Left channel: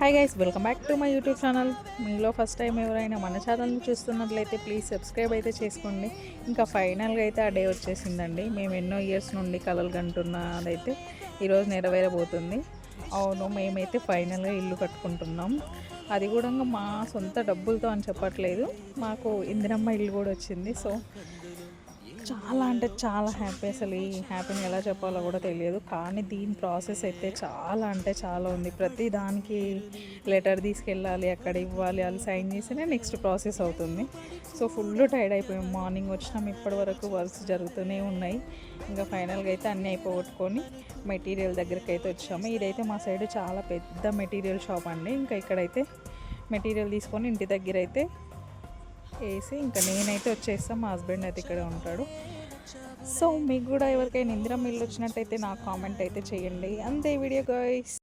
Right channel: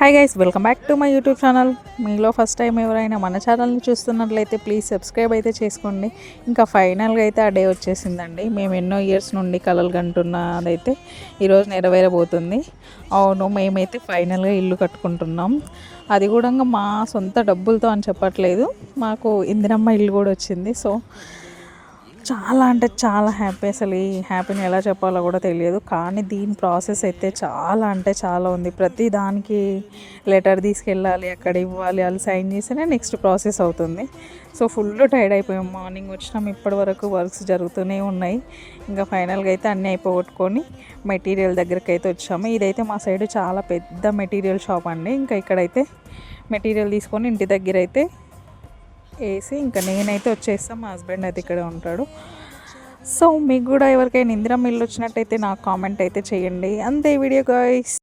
Hi guys, welcome back to my YouTube channel. మీలో first time ఎవరైనా మన ఛానల్ని చూస్తున్నట్లయితే ప్లీజ్ సబ్స్క్రైబ్ అయితే చేసుకోండి. ఇంకా ఫైనల్గా అయితే ఆ డే వచ్చేసిందండి. మేము ఎన్నో ఇయర్స్ నుండి కలలు కంటున్నదైతే ఈరోజు నెరవేరబోతుంది. అవును, మేమైతే ఫైనల్గా ఇల్లు కట్టుకుంటున్నాం. అది కూడా మా సొంత డబ్బులతో అని చెప్పట్లేదు, మాకు ఇందిరమ్మ ఇల్లు కూడా వచ్చింది. సో చాలా అంటే చాలా హ్యాపీ. అసలు ఈ హ్యాపీని ఎలా చెప్పాలో కూడా తెలియదు. కానీ దీని ప్రాసెస్ అయితే చాలా అంటే చాలా ఉంది. ప్రతి దానికి లెటర్ తీసుకెళ్ళాలి, అక్కడ ఇవ్వాలి, వాళ్ళు సైన్ చేస్తేనే నెక్స్ట్ ప్రాసెస్ అవుతుంది. సో ఫుల్ టైర్డ్ అయిపోయాం. మార్నింగ్ వచ్చినాం, ఇప్పటి వరకు వర్క్స్ జరుగుతూనే ఉన్నాయి. ఇంకా ఫైనల్గా అయితే అన్నీ అయిపోగొట్టుకొని మెటీరియల్ దగ్గరికి అయితే వచ్చాము. ఇదైతే మా సైడ్ చాలా పెద్ద మెటీరియల్ షాప్ అండి. ఇంకా ఇక్కడైతే మెటీరియల్ తీసుకొని ఇంటి దగ్గర అయితే వేసి ఇంకా నేనైతే వచ్చేస్తాను. మా హస్బెండ్ అయితే ఇక్కడే ఉంటాడు. సో మీకు కూడా ఎవరికైనా ఇందిరమ్మ ఇల్లు వచ్చినట్టయితే నాకు కామెంట్ అయితే చేయండి. అంతే వీడియో గైస్.